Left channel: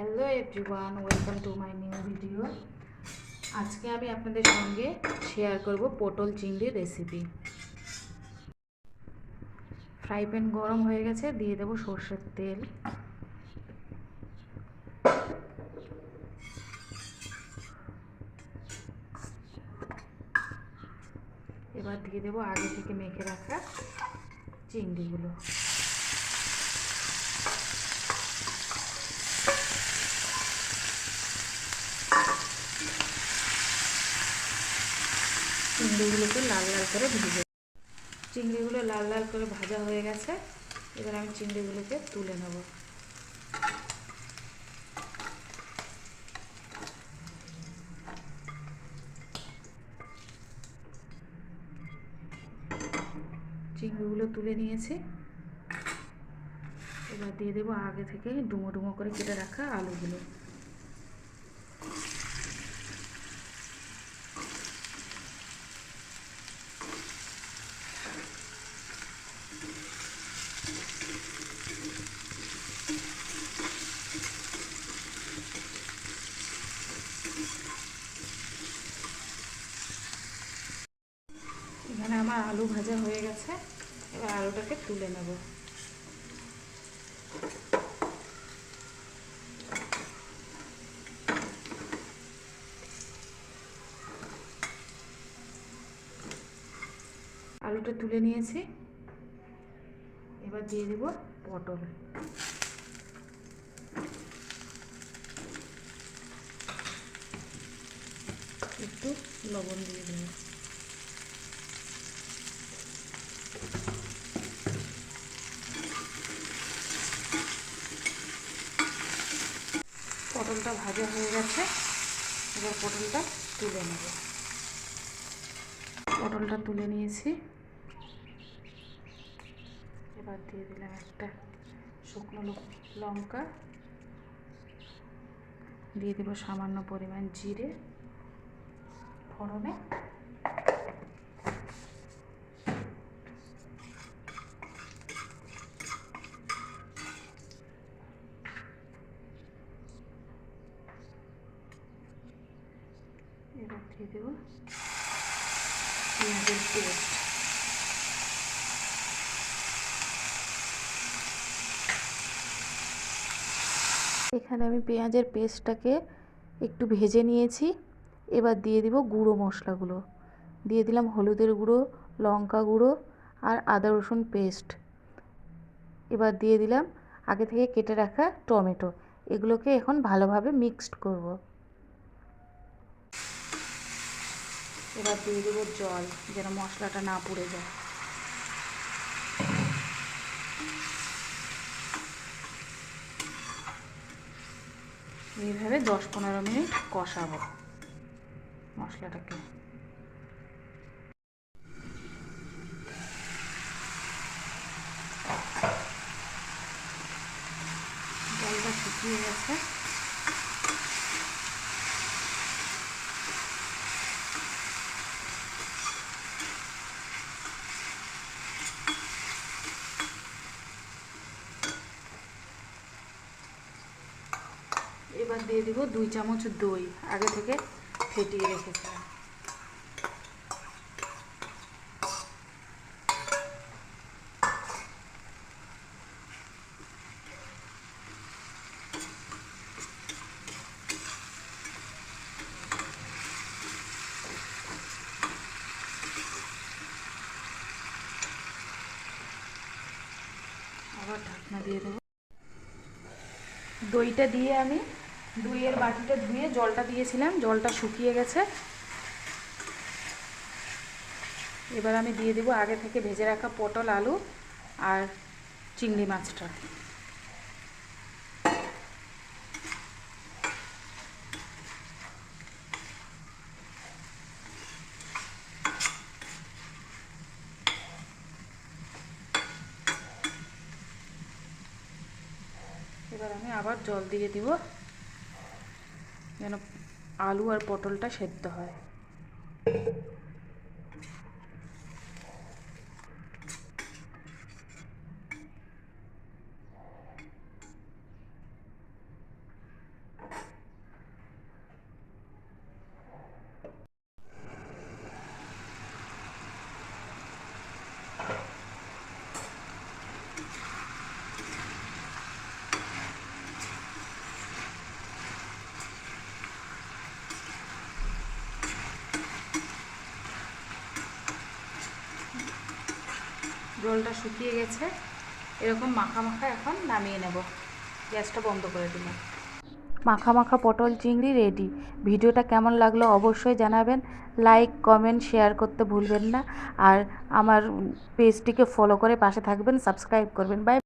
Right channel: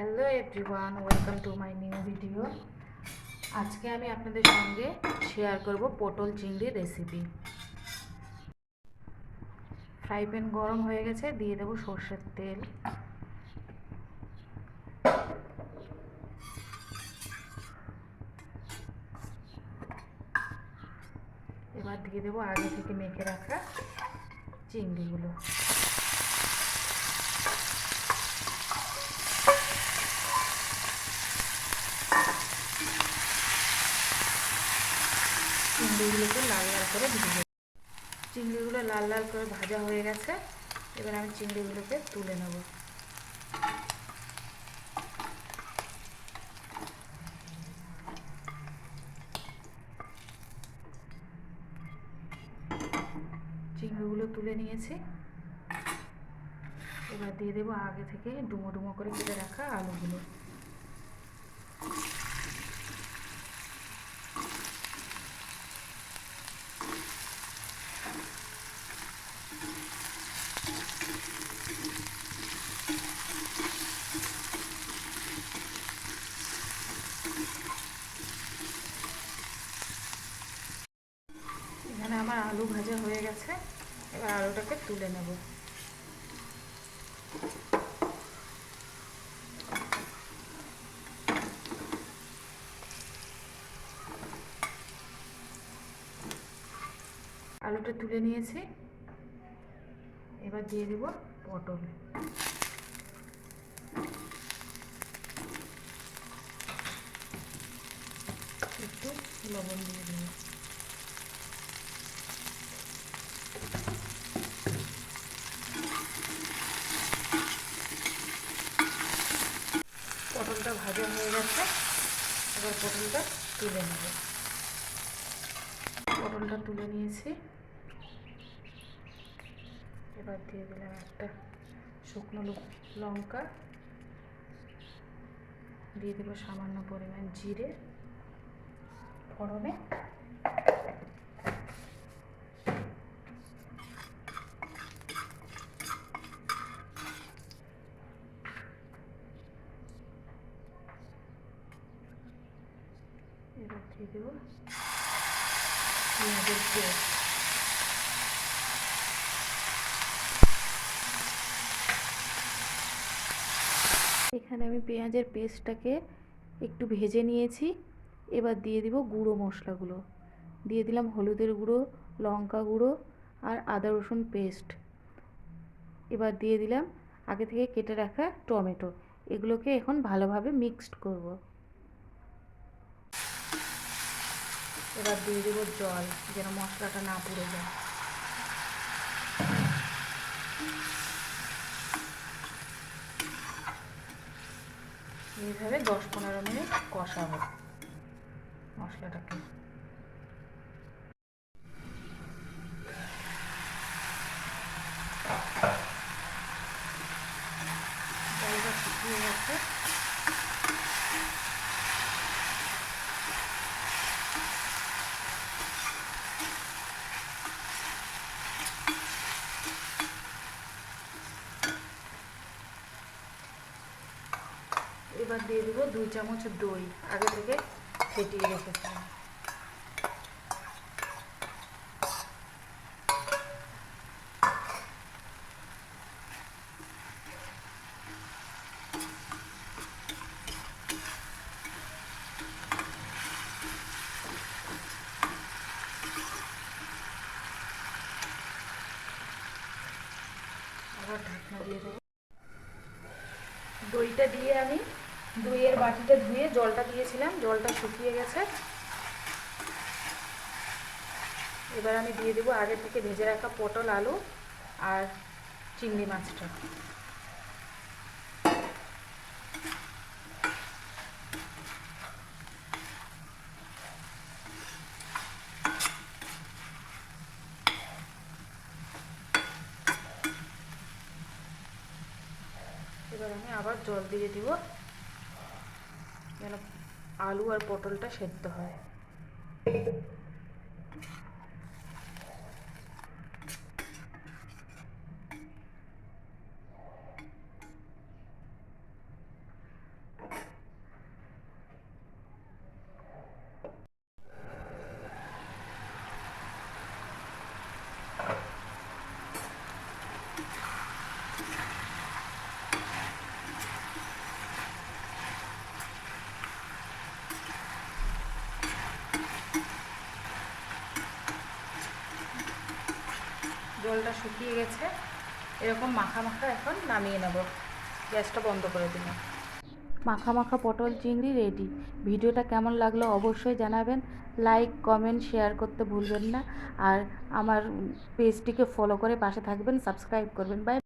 Hello everyone, welcome to my new video. আজকে আমি আপনাদের সঙ্গে শেয়ার করব পটল চিংড়ির রেসিপি। ফ্রাই প্যান গরম হয়ে গেছে, দিয়ে দেবো সর্ষের তেল। এবার দিয়ে দেবো আগে থেকে মেখে রাখা চিংড়িগুলো। চিংড়িগুলোকে লাল লাল করে ভেজে, চিংড়িগুলো লাল লাল করে ভাজা হয়ে গেছে। এবার আমি চিংড়িগুলোকে তুলে নেব। চিংড়িগুলো তুলে নিয়েছি। এবার দিয়ে দেবো আগে থেকে ডুমো ডুমো করে কেটে রাখা আলুগুলো। এখানে আমার আলু ভাজা হয়ে গেছে। এবার আলুটাকে তুলে নেব। আলুটা তুলে নিয়েছি। এবার দিয়ে দিব পটল। একটু লবণ দিয়ে দেব। পটলটা ভাজা হয়ে গেছে। এবার পটলটা তুলে নেব। পটলটা তুলে নিয়েছি। এবার দিয়ে দিলাম একটা শুকনো লঙ্কা, দিয়ে দেবো সামান্য পরিমাণ জিরে ফোড়নে। এবার দিয়ে দেবো পেঁয়াজের পেস্ট। এখানে আমি পেঁয়াজের পেস্টটাকে একটু ভেজে নিয়েছি। এবার দিয়ে দিব গুঁড়ো মশলাগুলো। দিয়ে দিলাম হলুদের গুঁড়ো, লঙ্কা গুঁড়ো আর আদা রসুন পেস্ট। এবার দিয়ে দিলাম আগে থেকে কেটে রাখা টমেটো। এগুলোকে এখন ভালোভাবে মিক্সড করব। এবার দিয়ে দেবো জল, যেন মশলাটা না পুড়ে যায়। এইভাবে 10-15 মিনিট কষাবো মশলাটাকে। জলটা শুকিয়ে গেছে। এবার দিয়ে দিব 2 চামচ দই, আগে থেকে ফেটিয়ে রেখেছিলাম। আবার ঢাকনা দিয়ে দেবো। দইটা দিয়ে আমি দইয়ের বাটিটা ধুয়ে জলটা দিয়েছিলাম, জলটা শুকিয়ে গেছে। এবার আমি দিয়ে দেবো আগে থেকে ভেজে রাখা পটল, আলু আর চিংড়ি মাছটা। এবার আমি আবার জল দিয়ে দিব, যেন আলু আর পটলটা সেদ্ধ হয়। জলটা শুকিয়ে গেছে, এরকম মাখা মাখা এখন নামিয়ে নেব। গ্যাসটা বন্ধ করে দিলাম। মাখা মাখা পটল চিংড়ি রেডি। ভিডিওটা কেমন লাগলো অবশ্যই জানাবেন। লাইক কমেন্ট শেয়ার করতে ভুলবেন না। আর আমার পেজটিকে ফলো করে পাশে থাকবেন, সাবস্ক্রাইব করবেন। বাই।